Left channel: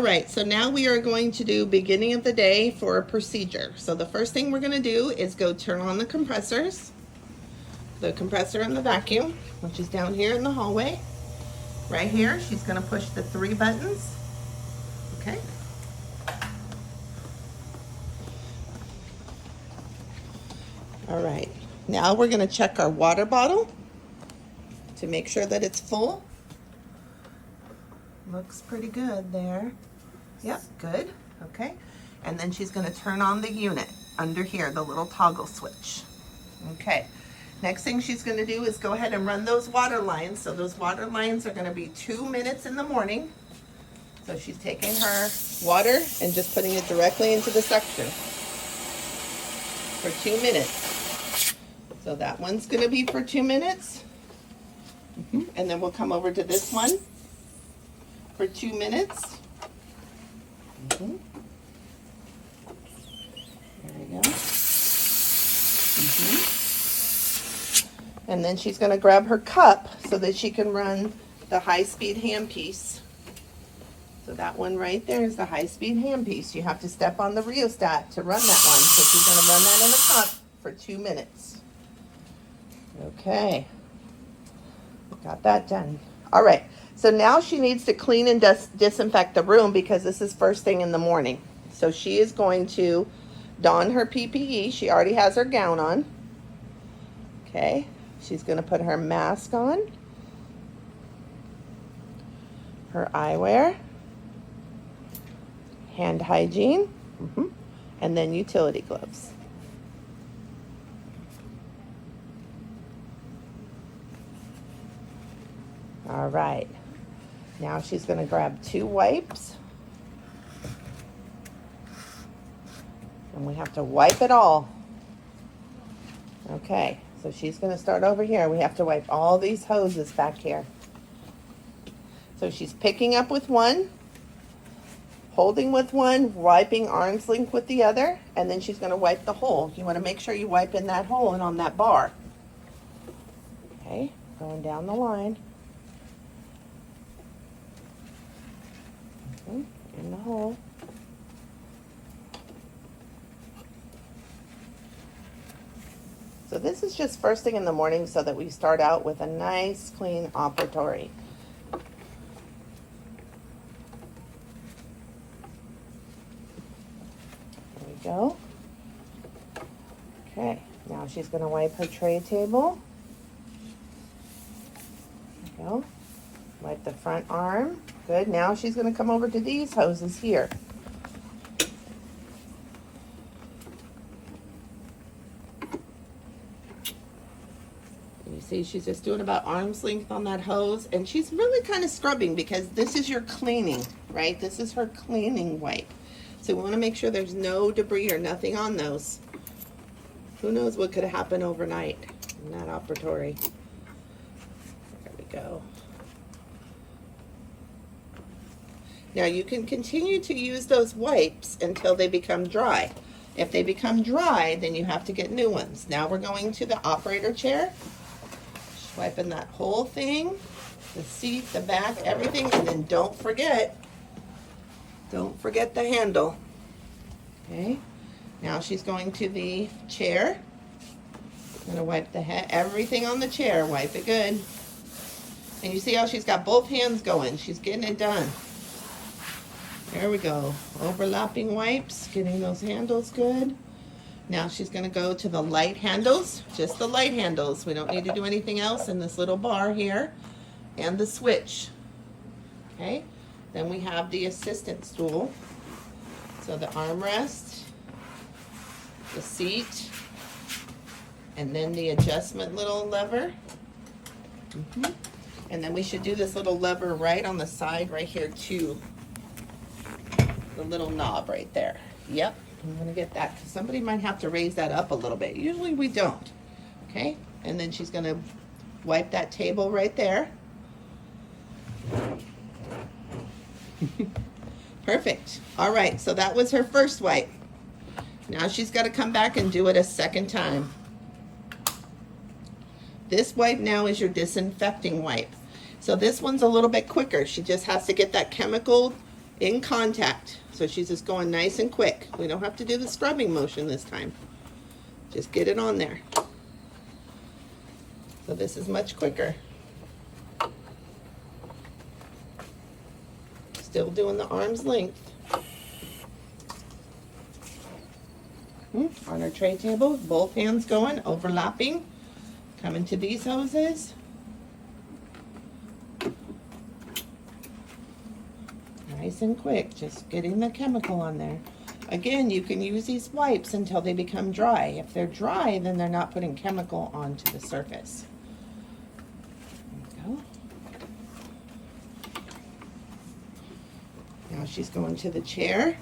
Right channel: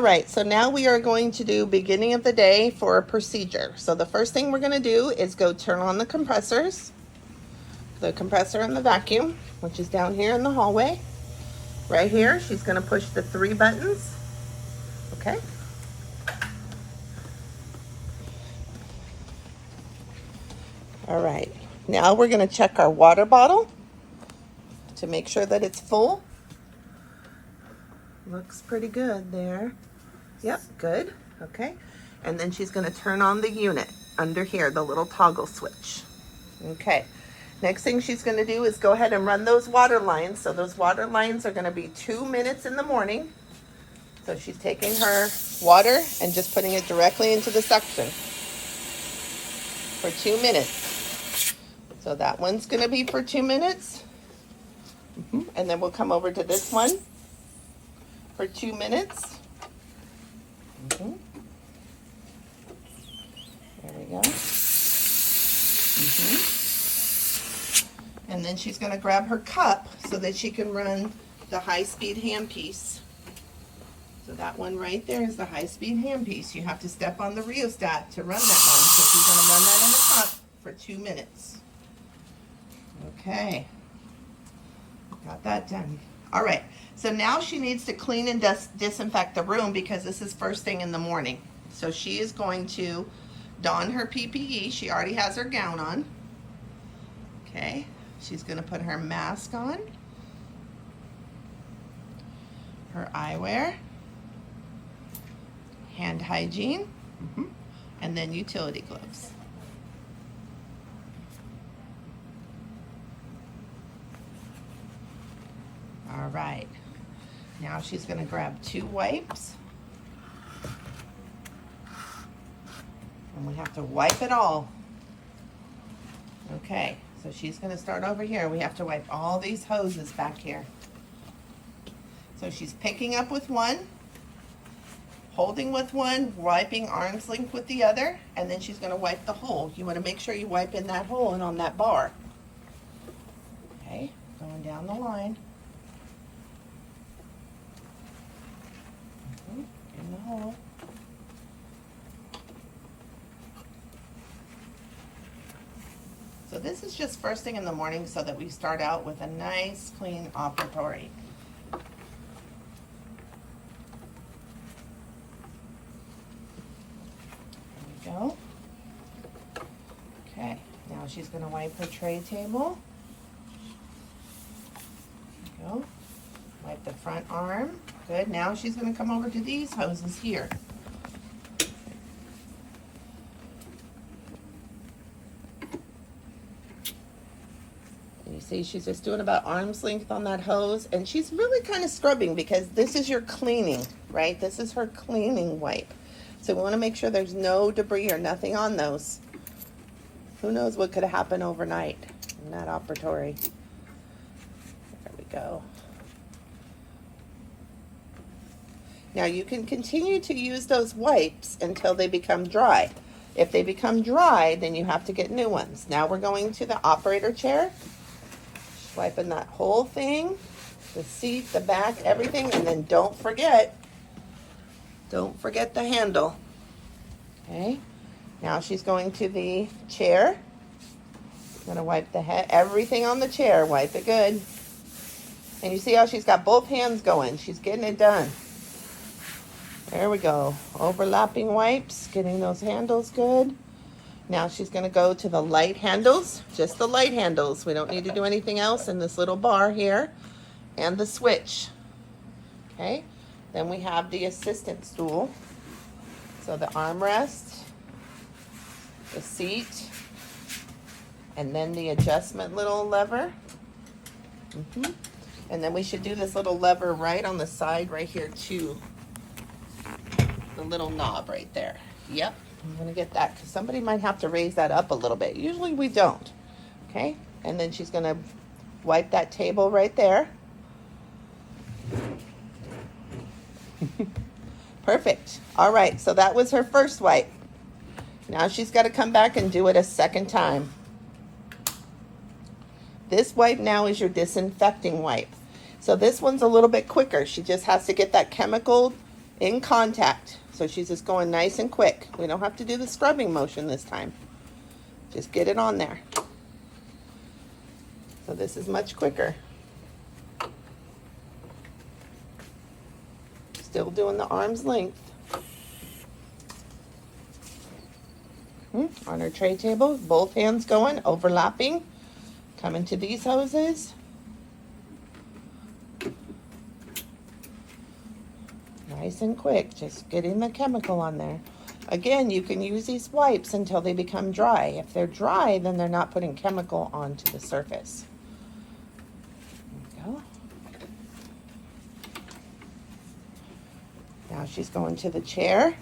All right, so now we are going to do beginning of the day for a procedure. So the first thing we're going to do is go turn on the compressors. The compressor and the vacuum, which is down here in the hallway. Right here, she's going to push the 3 buttons. Okay. All right, now we're going to check our water bottle to make sure that it's full. Looks pretty good there. Yep, good. Okay. And then she's going to turn on the unit under here, the little toggle switch. Okay. Next thing she's going to do is go ahead and run those water lines. So those water lines are going to be 2 minutes in the morning. So she's taking her water and just putting it directly into the suction for 2 minutes. So that one's going to be for 2 minutes. And then we'll come over to this one for 2 minutes. There we go. And then she's going to grab her cup so that she can run the high-speed handpiece. So that one right there is the high-speed handpiece. You have to step on the rheostat to run that one. So she's going to run that in the cup for 2 minutes. Okay. Got that done. All right. So now she needs to clean and disinfect the room because this is first thing in the morning. So she is going to don her PPE. She already has her gown on. Okay. She's going to put her mask on, her eyewear, hand hygiene, and then utility gloves. All right. Now she's going to grab 2 wipes. And we have to wipe it all. Okay, so she's going to start over here. We have to wipe all these hoses back here. So she's picking up with one, holding with one, wiping arm's length with the other, and then she's going to wipe the hole. You want to make sure you wipe in that hole and on that bar. Okay, going down the line. In the hole. So this is just first thing in the morning so that we start out with a nice clean operatory. There we go. Okay, now she's going to wipe her tray table. There we go. Wipe the front arm. Good. Now she's going to come over to these hoses here. You see, she's just doing about arm's length on that hose, and she's really kind of scrubbing because this is your cleaning, right? This is her cleaning wipe. So we want to make sure there's no debris or nothing on those. Who knows what could happen overnight in that operatory. There we go. Now you can continue to use those wipes until they become dry. If they become dry, then you have to get new ones. Now we're going to the operator chair. Just wiping that whole thing, the seat, the back, everything, and then don't forget the handle. Okay. Now she's going to the chair. I'm going to wipe the head, everything on the chair. Wipe it good. And you see how she's got both hands going. She's getting it done. There we go. Overlapping wipes, getting those handles good. Now she's going to go to the light handles, just the light handles. We don't need to do anything else in this little bar here. And the switch. Okay. Then we have the assistant stool. So the armrest, the seat, and then the adjustment little lever. And then we should do this little lever right on the side right here too. The little knob right there. Yep, I'm gonna get that because somebody might have to raise that up a little bit. Usually we don't. Okay, and then she's gonna wipe that table right there. Perfect. All right, so that was her first wipe. Now she's got to come back and do it a second time. This wipe now is your disinfecting wipe. So this one's a little bit quicker. She just has to get that chemical in contact. So she's just going nice and quick. We don't have to do the scrubbing motion this time. Just get it on there. So this is much quicker. Still doing the arm's length. On her tray table, both hands going, overlapping. Coming to these hoses. Nice and quick, just getting the chemical on there. Again, you can use these wipes until they become dry. If they're dry, then they're not putting chemical onto the surface. There we go. Now she's going to the chair.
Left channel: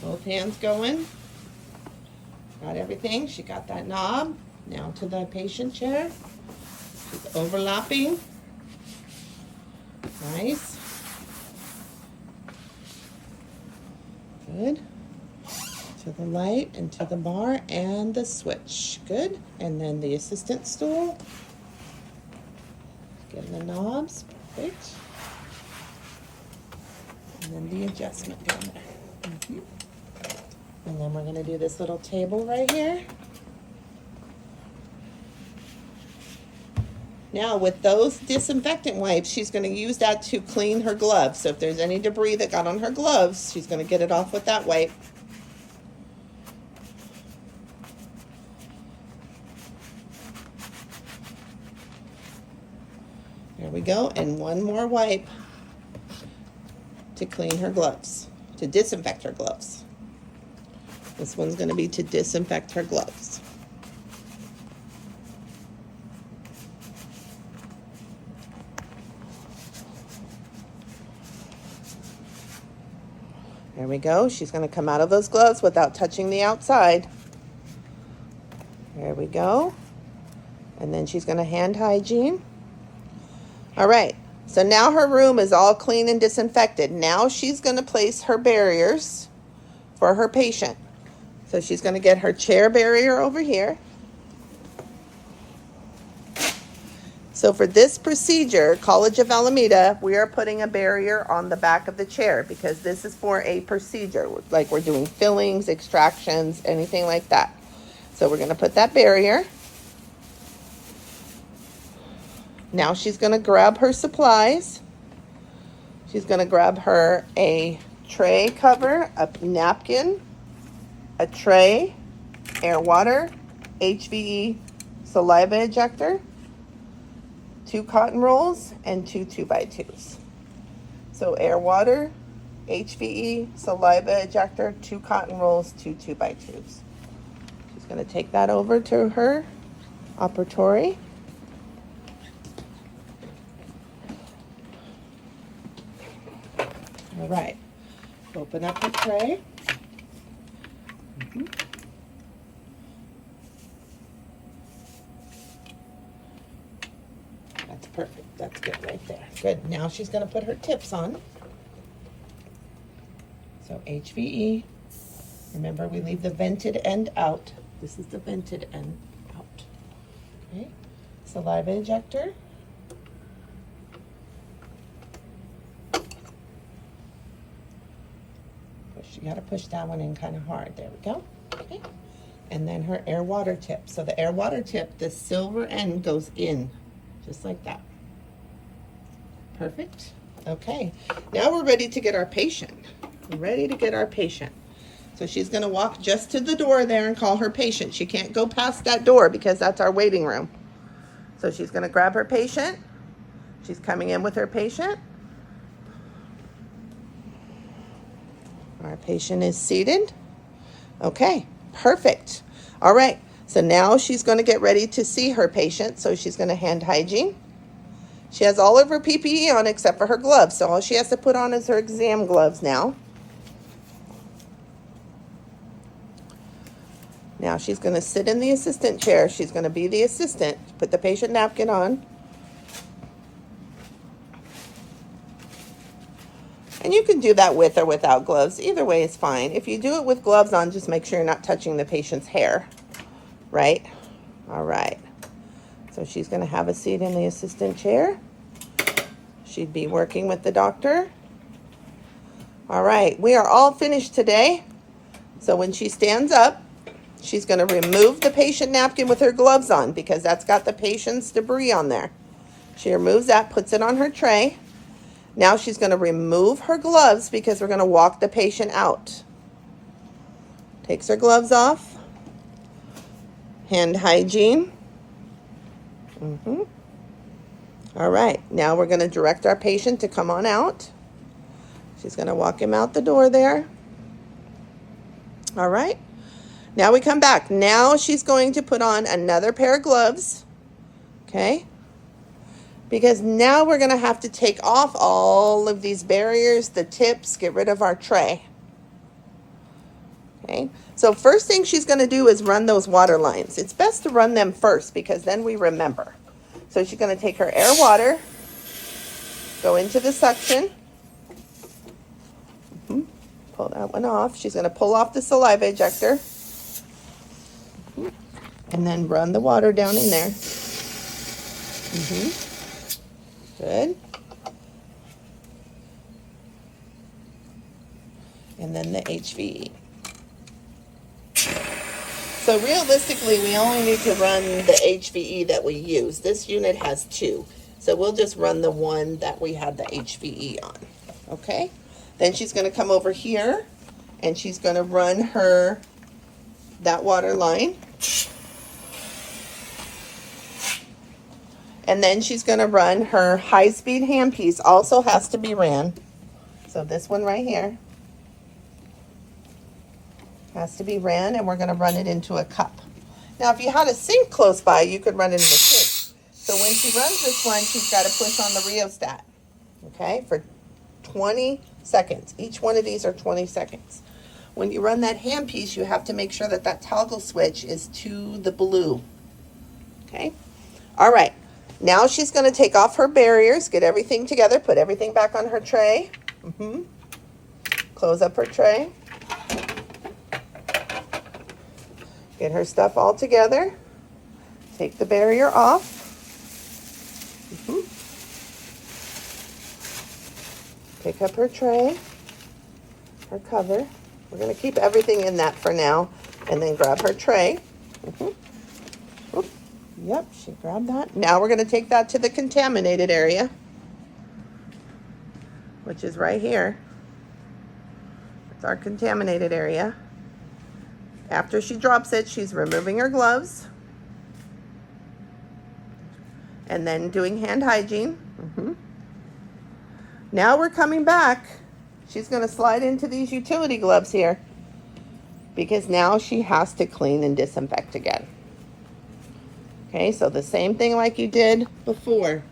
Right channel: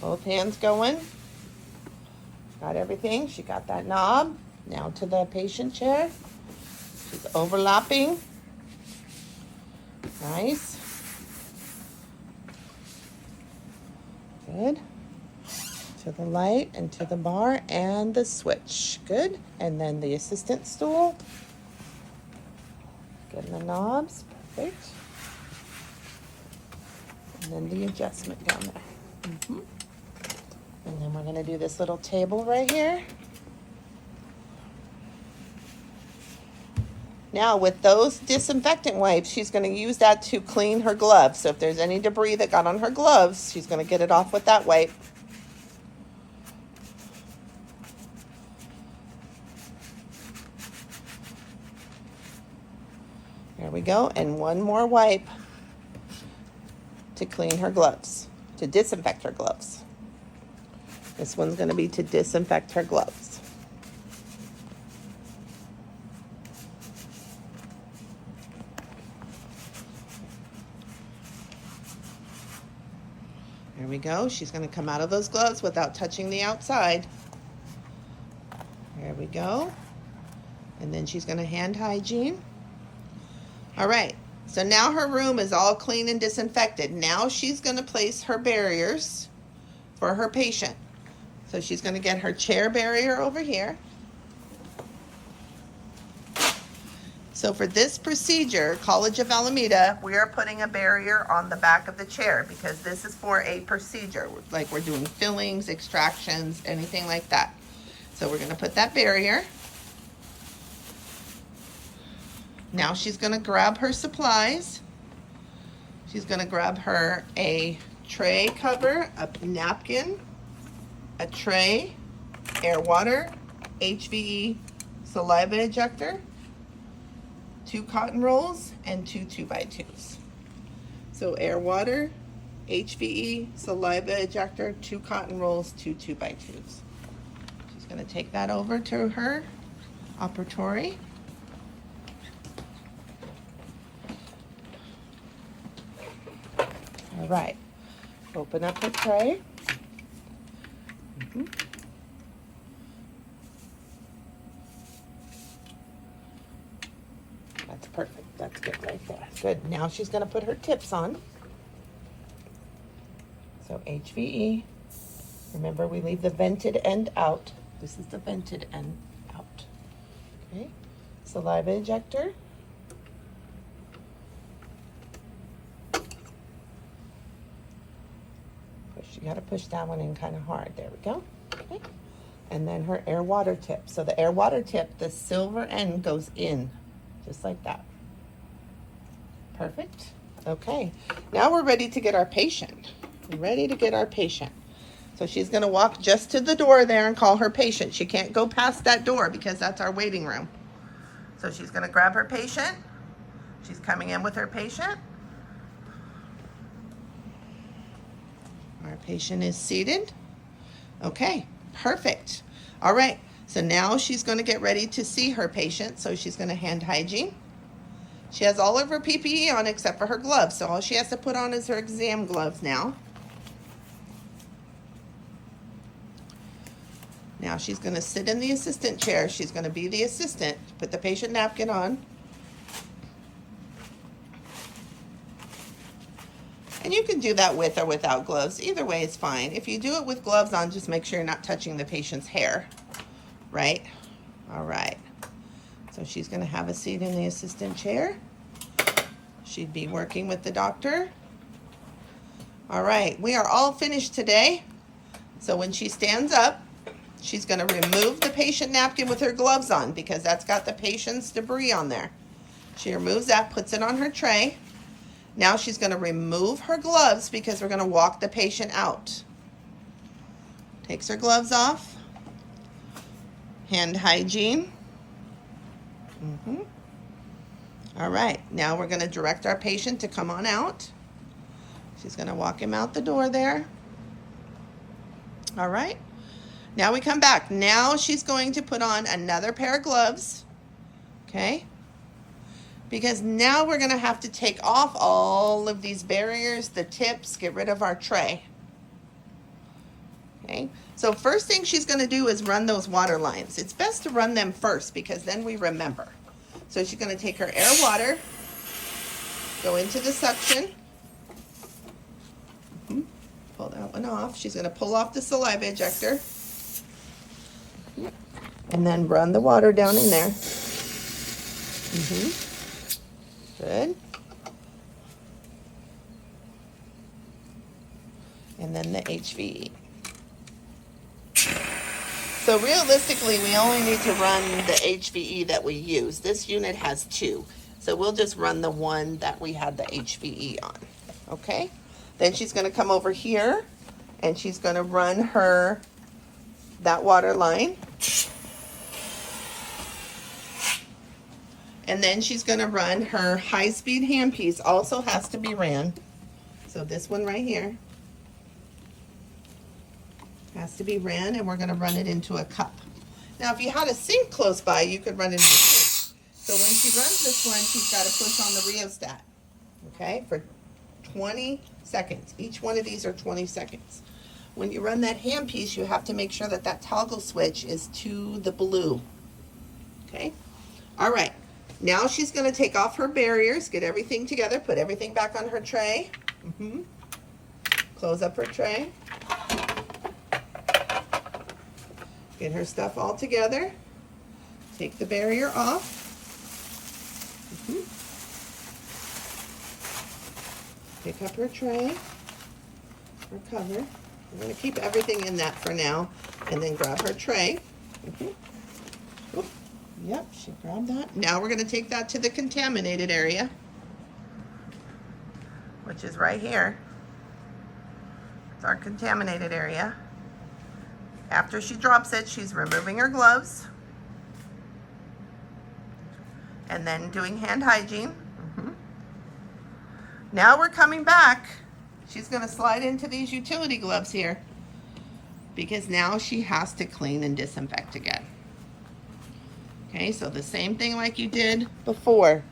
Both hands going. Got everything. She got that knob. Now to the patient chair. She's overlapping. Nice. Good. To the light and to the bar and the switch. Good. And then the assistant stool. Getting the knobs. Perfect. And then the adjustment down there. And then we're going to do this little table right here. Now with those disinfectant wipes, she's going to use that to clean her gloves. So if there's any debris that got on her gloves, she's going to get it off with that wipe. There we go. And one more wipe to clean her gloves, to disinfect her gloves. This one's going to be to disinfect her gloves. There we go. She's going to come out of those gloves without touching the outside. There we go. And then she's going to hand hygiene. All right. So now her room is all clean and disinfected. Now she's going to place her barriers for her patient. So she's going to get her chair barrier over here. So for this procedure, College of Alameda, we are putting a barrier on the back of the chair because this is for a procedure. Like we're doing fillings, extractions, anything like that. So we're going to put that barrier. Now she's going to grab her supplies. She's going to grab her a tray cover, a napkin, a tray, air water, HVE saliva ejector, 2 cotton rolls, and 2 2x2s. So air water, HVE saliva ejector, 2 cotton rolls, 2 2x2s. She's going to take that over to her operatory. All right, open up the tray. That's perfect. That's good right there. Good. Now she's going to put her tips on. So HVE. Remember, we leave the vented end out. This is the vented end out. Okay. Saliva ejector. You got to push that one in kind of hard. There we go. Okay. And then her air water tip. So the air water tip, the silver end goes in, just like that. Perfect. Okay. Now we're ready to get our patient. We're ready to get our patient. So she's going to walk just to the door there and call her patient. She can't go past that door because that's our waiting room. So she's going to grab her patient. She's coming in with her patient. Our patient is seated. Okay, perfect. All right, so now she's going to get ready to see her patient. So she's going to hand hygiene. She has all of her PPE on except for her gloves. So all she has to put on is her exam gloves now. Now she's going to sit in the assistant chair. She's going to be the assistant. Put the patient napkin on. And you can do that with or without gloves. Either way is fine. If you do it with gloves on, just make sure you're not touching the patient's hair, right? All right. So she's going to have a seat in the assistant chair. She'd be working with the doctor. All right, we are all finished today. So when she stands up, she's going to remove the patient napkin with her gloves on because that's got the patient's debris on there. She removes that, puts it on her tray. Now she's going to remove her gloves because we're going to walk the patient out. Takes her gloves off. Hand hygiene. All right, now we're going to direct our patient to come on out. She's going to walk him out the door there. All right, now we come back. Now she's going to put on another pair of gloves, okay? Because now we're going to have to take off all of these barriers, the tips, get rid of our tray. Okay, so first thing she's going to do is run those water lines. It's best to run them first because then we remember. So she's going to take her air water, go into the suction, pull that one off. She's going to pull off the saliva ejector, and then run the water down in there. Good. And then the HVE. So realistically, we only need to run the HVE that we use. This unit has 2. So we'll just run the one that we had the HVE on. Okay? Then she's going to come over here and she's going to run that water line. And then she's going to run her high-speed handpiece. Also has to be ran. So this one right here has to be ran, and we're going to run it into a cup. Now, if you had a sink close by, you could run it in the sink. So when she runs this one, she's got to push on the rheostat, okay, for 20 seconds. Each one of these are 20 seconds. When you run that handpiece, you have to make sure that that toggle switch is to the blue, okay? All right. Now she's going to take off her barriers, get everything together, put everything back on her tray. Close up her tray. Get her stuff all together. Take the barrier off. Pick up her tray, her cover. We're going to keep everything in that for now, and then grab her tray. Yep, she grabbed that. Now we're going to take that to the contaminated area, which is right here. It's our contaminated area. After she drops it, she's removing her gloves and then doing hand hygiene. Now we're coming back. She's going to slide into these utility gloves here because now she has to clean and disinfect again. Okay, so the same thing like you did before.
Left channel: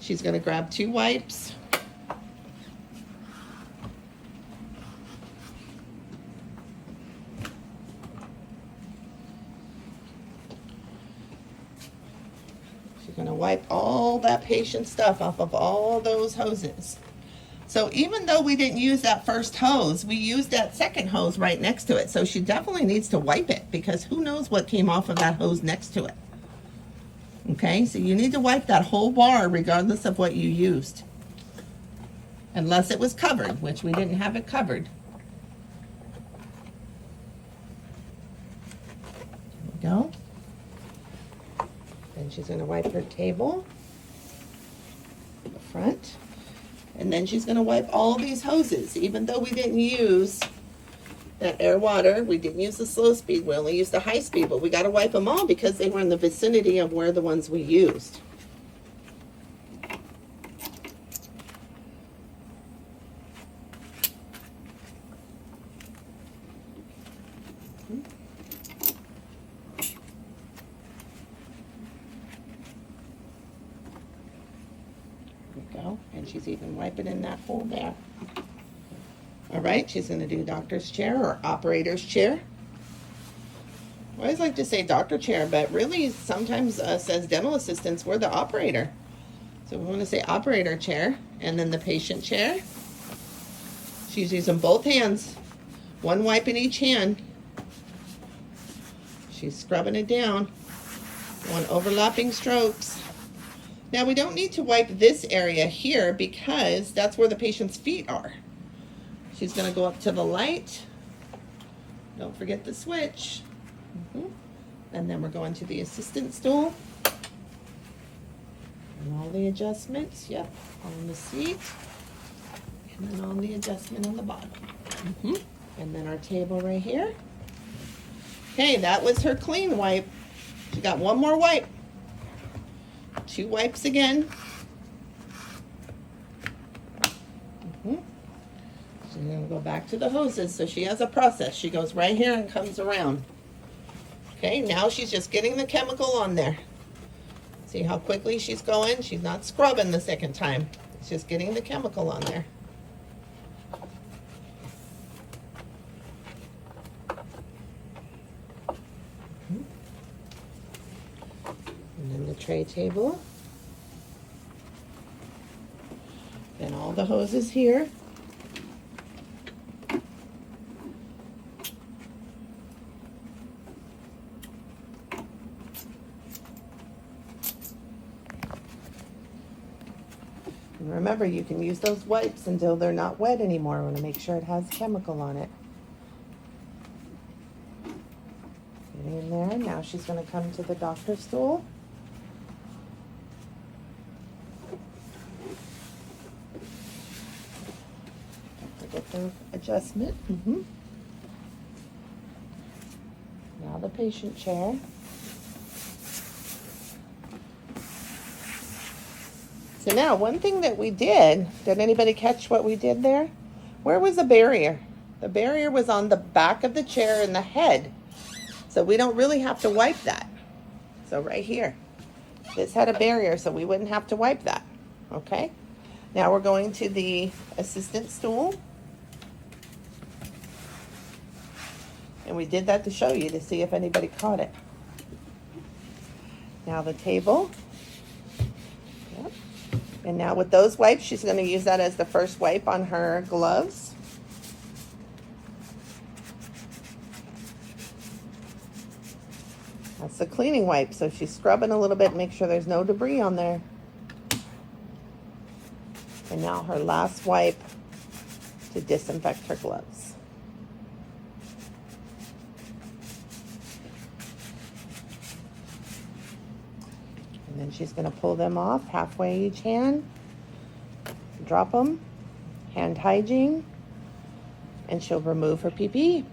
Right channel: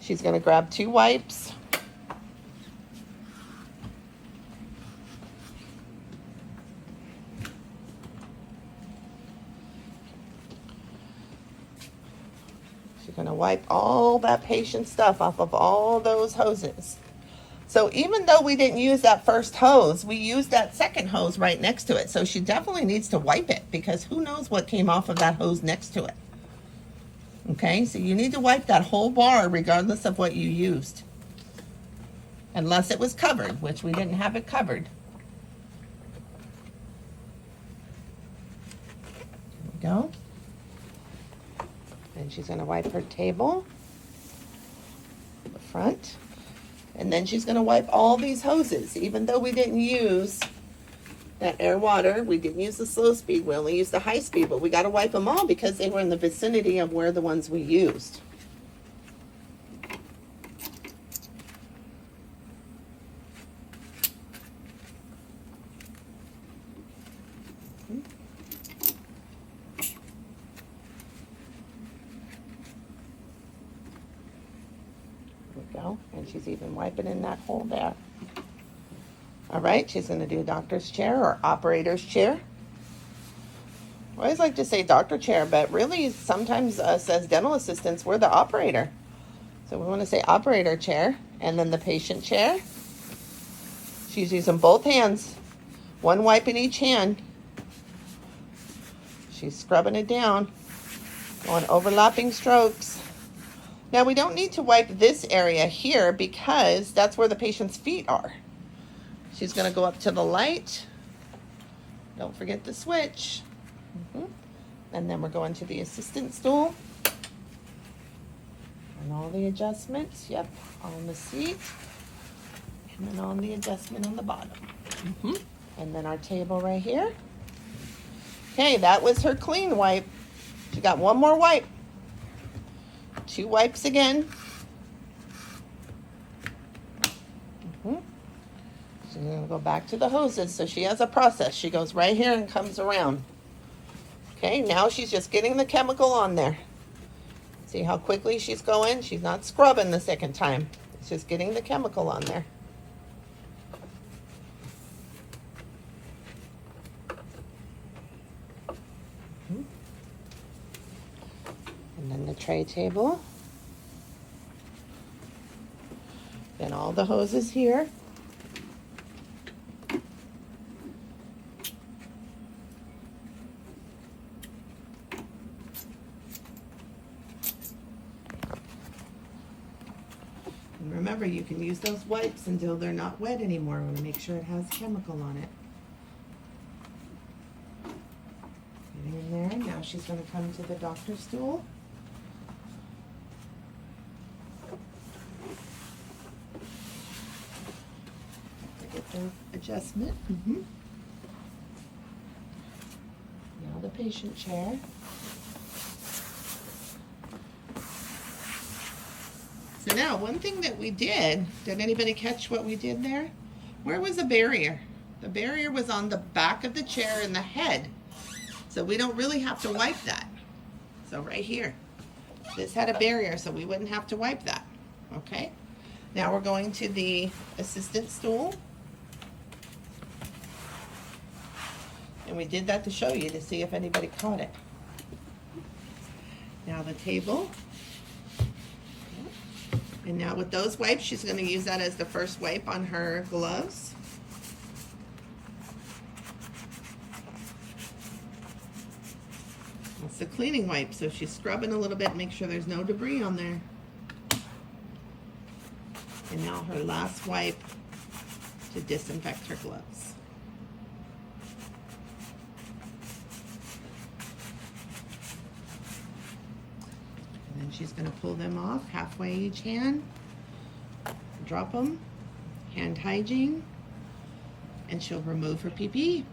She's going to grab 2 wipes. She's going to wipe all that patient stuff off of all those hoses. So even though we didn't use that first hose, we used that second hose right next to it. So she definitely needs to wipe it because who knows what came off of that hose next to it. Okay, so you need to wipe that whole bar regardless of what you used. Unless it was covered, which we didn't have it covered. There we go. Then she's going to wipe her table, the front. And then she's going to wipe all these hoses. Even though we didn't use that air water, we didn't use the slow speed, we only used the high speed, but we got to wipe them all because they were in the vicinity of where the ones we used. Go. And she's even wiping in that hole there. All right, she's going to do doctor's chair or operator's chair. I always like to say doctor chair, but really sometimes us as dental assistants, we're the operator. So we want to say operator chair and then the patient chair. She's using both hands, 1 wipe in each hand. She's scrubbing it down, going overlapping strokes. Now we don't need to wipe this area here because that's where the patient's feet are. She's gonna go up to the light. Don't forget the switch. And then we're going to the assistant stool. And all the adjustments, yep, on the seat. And then on the adjustment on the bottom. And then our table right here. Okay, that was her clean wipe. She got one more wipe. 2 wipes again. She's gonna go back to the hoses, so she has a process. She goes right here and comes around. Okay, now she's just getting the chemical on there. See how quickly she's going? She's not scrubbing the second time. It's just getting the chemical on there. And then the tray table. Then all the hoses here. And remember, you can use those wipes until they're not wet anymore. We want to make sure it has chemical on it. Getting in there. Now she's going to come to the doctor's stool. Get her adjustment. Now the patient chair. So now, one thing that we did anybody catch what we did there? Where was the barrier? The barrier was on the back of the chair and the head. So we don't really have to wipe that. So right here, this had a barrier, so we wouldn't have to wipe that, okay? Now we're going to the assistant stool. And we did that to show you, to see if anybody caught it. Now the table. And now with those wipes, she's going to use that as the first wipe on her gloves. That's the cleaning wipe, so she's scrubbing a little bit, make sure there's no debris on there. And now her last wipe to disinfect her gloves. And then she's going to pull them off halfway each hand, drop them, hand hygiene, and she'll remove her PPE.